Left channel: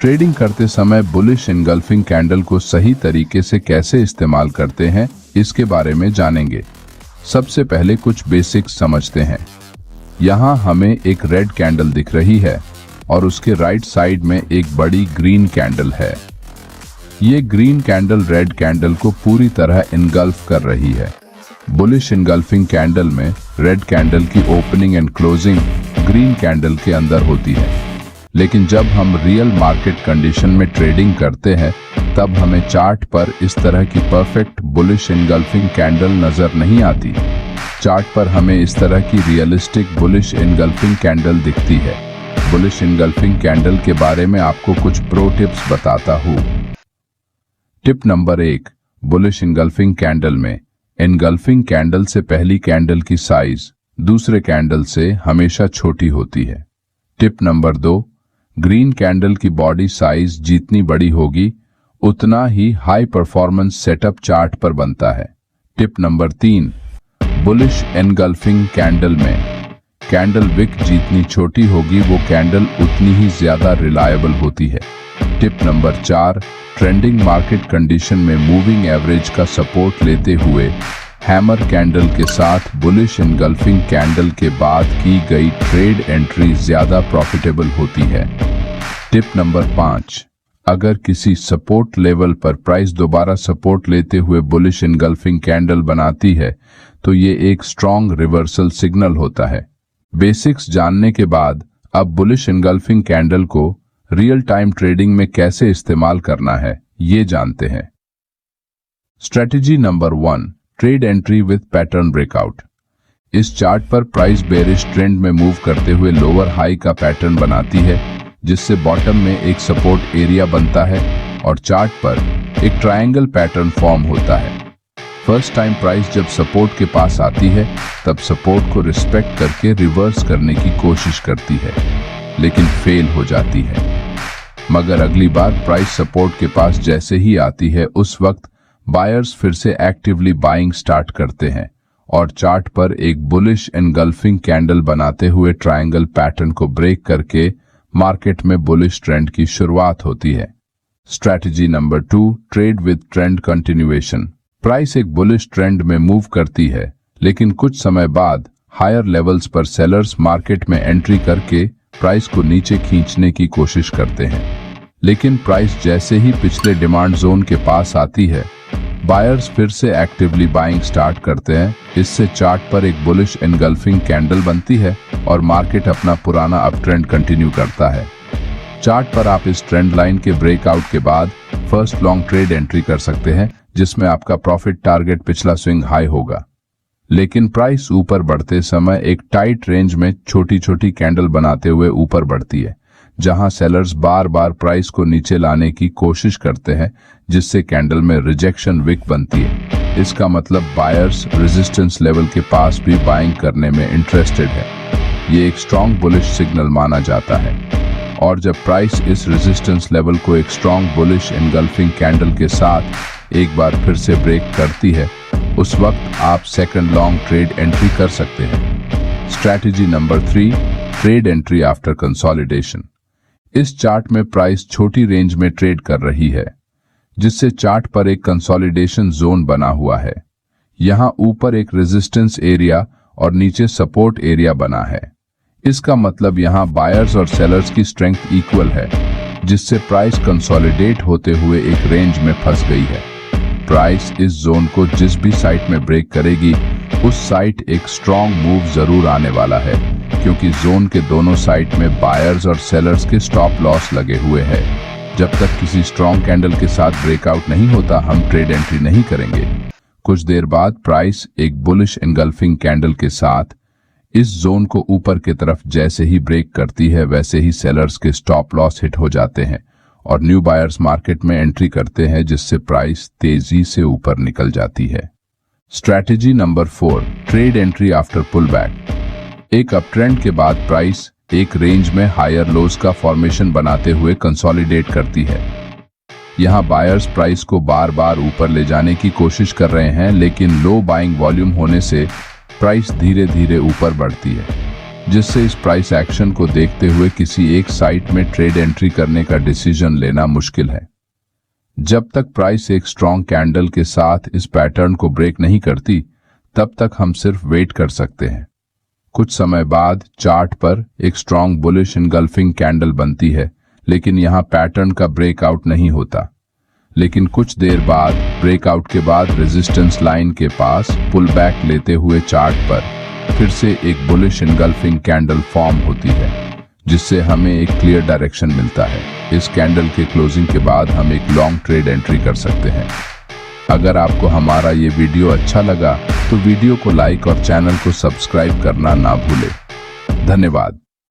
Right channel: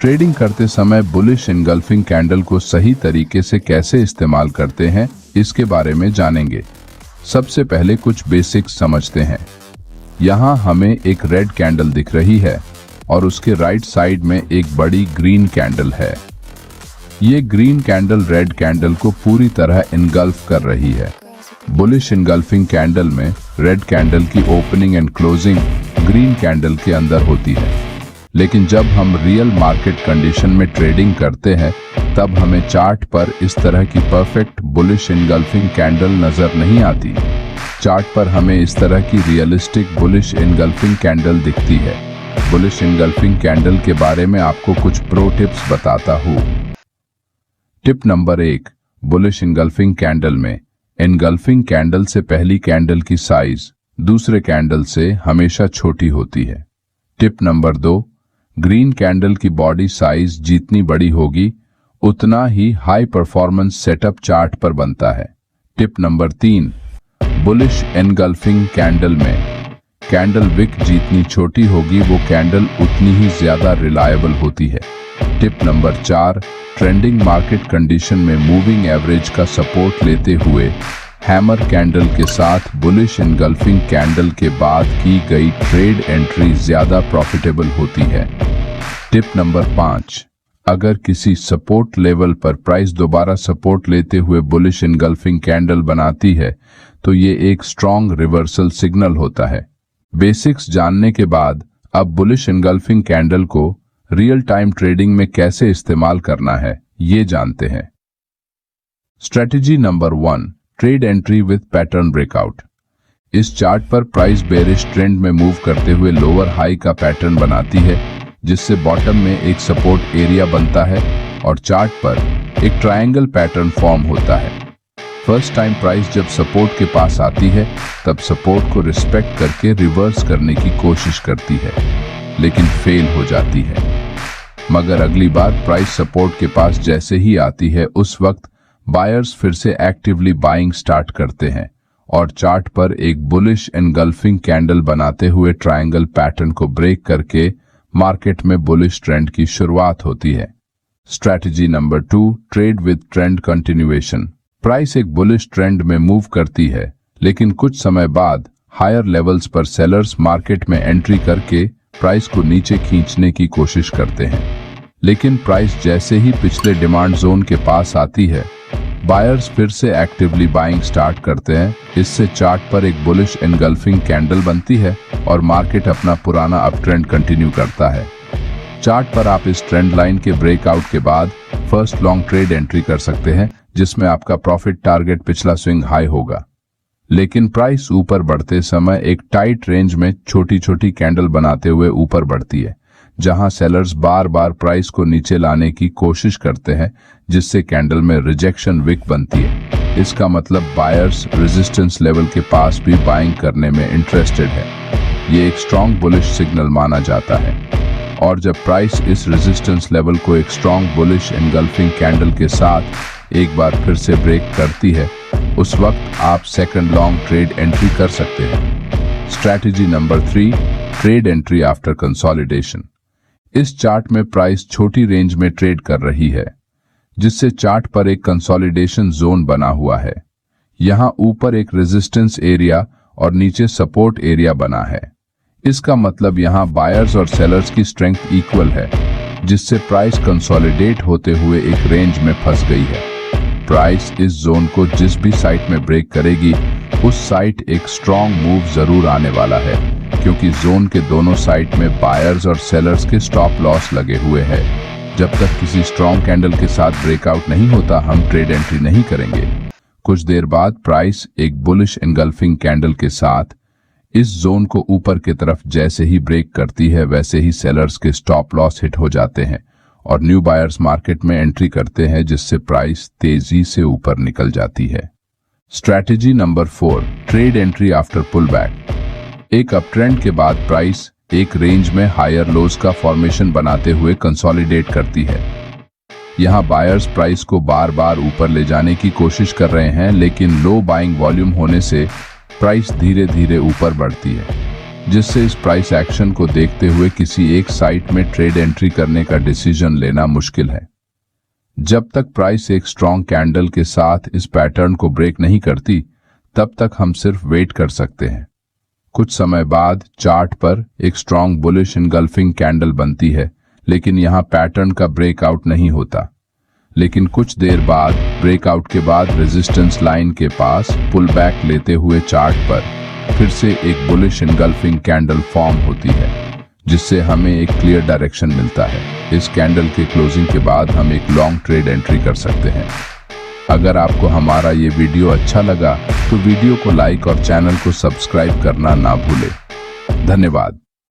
Trading करते समय bullish engulfing candle को सही तरीके से कैसे इस्तेमाल करते हैं इसके बारे में जानेंगे। सबसे पहले कुछ बेसिक्स समझते हैं। यहाँ हमें एक रेड कैंडल दिख रही है और उसके राइट साइड में एक बड़ी ग्रीन कैंडल है। ये ग्रीन कैंडल रेड कैंडल को पूरी तरह एनगल्फ कर रही है। बुलिश एनगल्फिंग कैंडल में रेड कैंडल की opening and closing green candle के अंदर होती है, लेकिन जब हम रियल मार्केट कंडीशन में ट्रेडिंग करते हैं तब हमें चार्ट पर इस तरह की परफेक्ट बुलिश एनगल्फिंग कैंडल नजर नहीं आती। चार्ट पर हमें इस तरह की रियलिस्टिक बुलिश एनगल्फिंग कैंडल दिखती है। बुलिश एनगल्फिंग कैंडल के बारे में आपको कुछ प्रो टिप्स बताता हूँ। Tip number 1, bullish engulfing candle में एनगल्फिंग कैंडल से पहली कैंडल की साइज दूसरे कैंडल से हमेशा छोटी होती है। टिप नंबर 2, ग्रीन कैंडल की बॉडी साइज जितनी बड़ी होगी उतना ही हाई परफॉर्मेंस सेटअप चार्ट पर बनता है। Tip number 3, bullish engulfing candle में कैंडल विक जितनी छोटी होगी वो कैंडल उतनी ही ज्यादा रिलायबल होती है। Tip number 4, trending market condition में मूविंग एवरेज का सपोर्ट लेते हुए हैमर कैंडल के साथ बुलिश एनगल्फिंग कैंडल के बाद की गई ट्रेड एंट्री ज्यादा प्रॉफिटेबल होती है। टिप नंबर 5, अगर किसी सपोर्ट लेवल पर प्राइस दोबारा सपोर्ट लेते हुए बुलिश एनगल्फिंग कैंडल बनाती है तो ये एक स्ट्रॉन्ग रिवर्सल सिग्नल होता है। बेसिक्स जानने के बाद अब बुलिश एनगल्फिंग कैंडल को रियल टाइम ट्रेडिंग में कैसे इस्तेमाल करना है ये जानते हैं। Strategy number 1, trade entry with pattern breakout. इस चार्ट पर प्राइस बेरिश ट्रेंड में मूव करते हुए लोअर हाई का पैटर्न बनाती है, जिससे बॉटम में एक सपोर्ट एरिया बनता है और चार्ट पर एक ट्रायंगल पैटर्न फॉर्म होता है। फर्स्ट टाइम प्राइस जब सपोर्ट के पास आती है तब सपोर्ट को रिस्पेक्ट करके रिवर्स करने की कोशिश करती है, लेकिन फेल हो जाती है। मगर अगली बार प्राइस सपोर्ट के पास जैसे ही आती है उस वक्त बायर्स फिर से एक्टिवली बाइंग स्टार्ट करते हैं और चार्ट पर एक बुलिश एनगल्फिंग कैंडल बनाते हुए ट्रायंगल पैटर्न को ब्रेक करके मार्केट में बुलिश ट्रेंड की शुरुआत होती है। Strategy number 2, trade with trend continuation. Price एक बुलिश ट्रेंड में मूव करती है, लेकिन कुछ समय बाद हायर लेवल्स पर सेलर्स मार्केट में एंट्री करके प्राइस को नीचे खींचने की कोशिश करते हैं, लेकिन प्राइस जैसे ही पिछले डिमांड जोन के पास आती है बायर्स फिर से एक्टिवली बाइंग स्टार्ट करते हैं। इससे चार्ट पर एक बुलिश एनगल्फिंग कैंडल बनती है और मार्केट अपना पुराना अपट्रेंड कंटिन्यू करता है। चार्ट पर आप इस ट्रेंड लाइन के ब्रेकआउट के बाद फर्स्ट लॉन्ग ट्रेड एंट्री कर सकते हैं, जिसमें आपका प्रॉफिट टारगेट पिछला स्विंग हाई होगा। लेकिन प्राइस ऊपर बढ़ते समय एक टाइट रेंज में छोटी छोटी कैंडल बनाते हुए ऊपर बढ़ती है, जहां सेलर्स बार बार प्राइस को नीचे लाने की कोशिश करते हैं, जिससे कैंडल में रिजेक्शन विक बनती है। इसका मतलब बायर्स रेजिस्टेंस लेवल के पास भी बाइंग करने में इंटरेस्टेड है। ये एक स्ट्रॉन्ग बुलिश सिग्नल माना जाता है, और जब प्राइस इस रेजिस्टेंस लेवल को एक स्ट्रॉन्ग बुलिश एनगल्फिंग कैंडल के साथ एक बार फिर से ब्रेक करती है उस वक्त आप सेकंड लॉन्ग ट्रेड एंट्री कर सकते हैं। Strategy number 3, trade entry after consolidation. इस चार्ट में प्राइस छोटी रेंज में ट्रेड कर रही है, जिससे चार्ट पर एक कंसोलिडेशन जोन बना हुआ है। यहां ऊपर एक रेजिस्टेंस एरिया और नीचे सपोर्ट एरिया बना है। इसका मतलब यहां बायर्स और सेलर्स की स्ट्रेंथ इक्वल है, जिससे प्राइस कंसोलिडेट होते हुए एक रेंज में फंस गई है। प्राइस इस जोन को जिस भी साइट में ब्रेक करेगी उस साइट एक स्ट्रॉन्ग मूव जरूर आने वाला है, क्योंकि जोन के दोनों साइड में बायर्स और सेलर्स के स्टॉप लॉस लगे हुए हैं। जब तक किसी स्ट्रॉन्ग कैंडल के साथ ब्रेकआउट नहीं होता हम ट्रेड एंट्री नहीं करेंगे। कुछ देर बाद प्राइस एक बुलिश एनगल्फिंग कैंडल के साथ इस जोन को ऊपर की तरफ जैसे ही ब्रेक करती है वैसे ही सेलर्स के स्टॉप लॉस हिट हो जाते हैं और न्यू बायर्स मार्केट में एंट्री करते हैं, जिससे प्राइस तेजी से ऊपर निकल जाती है। Strategy number 4, trade entry after pullback. एक अपट्रेंड के बाद प्राइस एक रेंज में हायर लोज का फॉर्मेशन बनाते हुए कंसोलिडेट करती है। यहाँ बायर्स प्राइस को बार बार ऊपर ले जाने की कोशिश कर रहे हैं, लेकिन लो बाइंग वॉल्यूम होने से प्राइस धीरे धीरे ऊपर बढ़ती है। जिससे इस प्राइस एक्शन को देखते हुए किसी एक साइट में ट्रेड एंट्री करने का डिसीजन लेना मुश्किल है। जब तक प्राइस एक स्ट्रॉन्ग कैंडल के साथ इस पैटर्न को ब्रेक नहीं करती, तब तक हम सिर्फ वेट कर सकते हैं। कुछ समय बाद चार्ट पर एक स्ट्रॉन्ग बुलिश इनगल्फिंग कैंडल बनती है, लेकिन यहाँ पैटर्न का ब्रेकआउट नहीं होता। लेकिन कुछ देर बाद ब्रेकआउट के बाद रेजिस्टेंस लाइन के पास पुल बैक लेते हुए चार्ट पर फिर से एक बुलिश इनगल्फिंग कैंडल फॉर्म होती है, जिससे हमें एक क्लियर डायरेक्शन मिलता है। इस कैंडल की क्लोजिंग के बाद हम एक लॉन्ग ट्रेड एंट्री कर सकते हैं। अगर आपको हमारा ये वीडियो अच्छा लगा तो वीडियो को लाइक और चैनल को सब्सक्राइब करना ना भूलें। धन्यवाद।